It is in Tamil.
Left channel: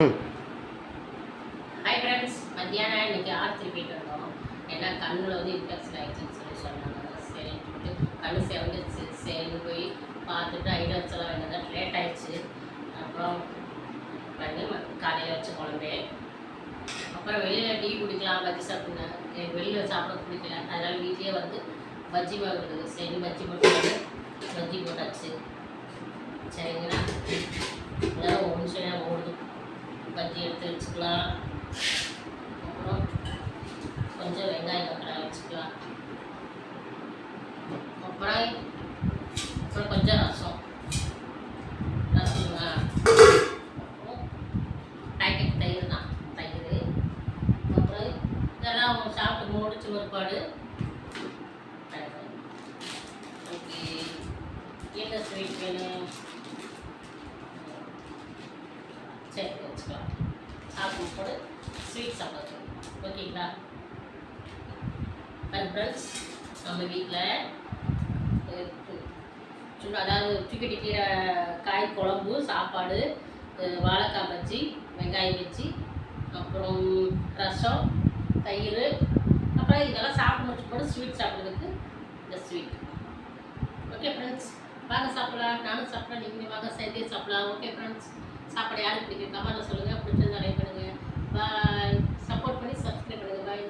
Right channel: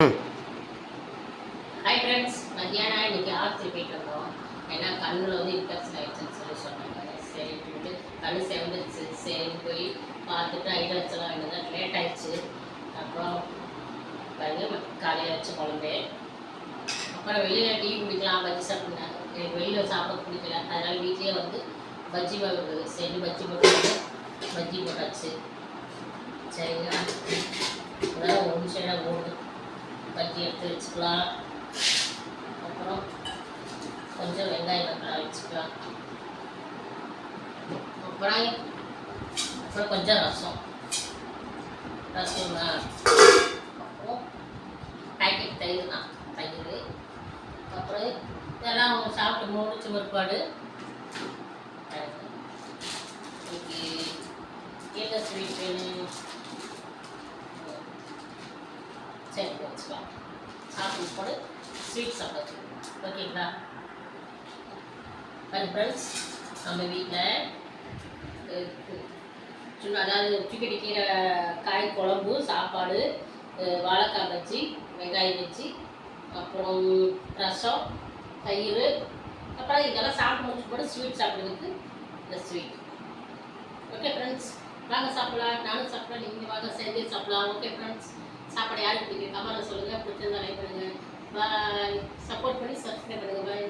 ஹாய் ஃப்ரெண்ட்ஸ், மத்தியானம் இன்னைக்கு ஆஸ்பத்திரி போயிட்டு வந்தோம். ஏன்னா கண்ணில் வந்து இன்ஃபெக்ஷன் ஆகிடுச்சுன்னு சொன்னாங்க. சரின்ட்டு கண்ணு செவந்துச்சு. சரின்னு போய் பார்த்துட்டு ஐடியாஸ்லாம் வேணுங்க. லேட் ஆகிடுச்சு. அப்புறம் பண்ணி காலையில் வச்ச குழம்பு. அப்புறம் வெளியில் டீ குடிக்கலாம், பஜ்ஜி சாப்பிட்னாங்க. எனக்கு வெளியில் சாப்பிட பிடிக்கல, அதனால் வீட்லேயே வந்து பஜ்ஜி இருக்குது. சரி பஜ்ஜி போட்டாச்சு. சரிங்களா, அதான் ஒரு நிமிஷம் ஓடுது. பஜ்ஜி எடுத்து வச்சுக்கலாம். அப்புறம் கொஞ்சம் வெங்காயம் தக்காளி வச்சுக்கலாம். அப்புறம் கொஞ்சம் ரசம்னா அப்புறம் பேக்கெட் தயிர் தான், தயிர். அப்புறம் இதெல்லாம் அவங்க சாப்பிட்டு முடிச்ச பிற்பாடு என்ன ஸ்வீட் வேணும் சேர்த்து வச்சுக்கலாம். சாப்பிடும் போது ஸ்வீட் சாப்பிடுறது. ஓகேங்களா ஃப்ரெண்ட்ஸ், நம்ம வீட்டில் அதாவது தூக்கி கீரை காய் குழம்பு, சாப்பாடு, வாழைக்காய் பஜ்ஜி, வெங்காயம் பஜ்ஜி, அப்புறம் ரசம், தயிர். அப்புறம் இதெல்லாம் சாப்பிட்டு முடிச்சு போது ஸ்வீட் சாப்பிட்றதுக்கு இந்த ஸ்வீட். ஓகே ஃப்ரெண்ட்ஸ், வாங்க சாப்பிடலாம். நானும் சாப்பிட்றேன், நீங்கள் வாங்க சேர்ந்தே சாப்பிடலாம். ஓகே ஃப்ரெண்ட்ஸ், சாப்பாடு யாருக்கு பிடிக்கும் கமெண்ட்டில் சொல்லுங்கள். பிடிச்சிருந்தா லைக் பண்ணுங்கள். பாய். சப்போர்ட் பண்ணி சப்ஸ்கிரைப் பண்ணுங்கள். பாய்.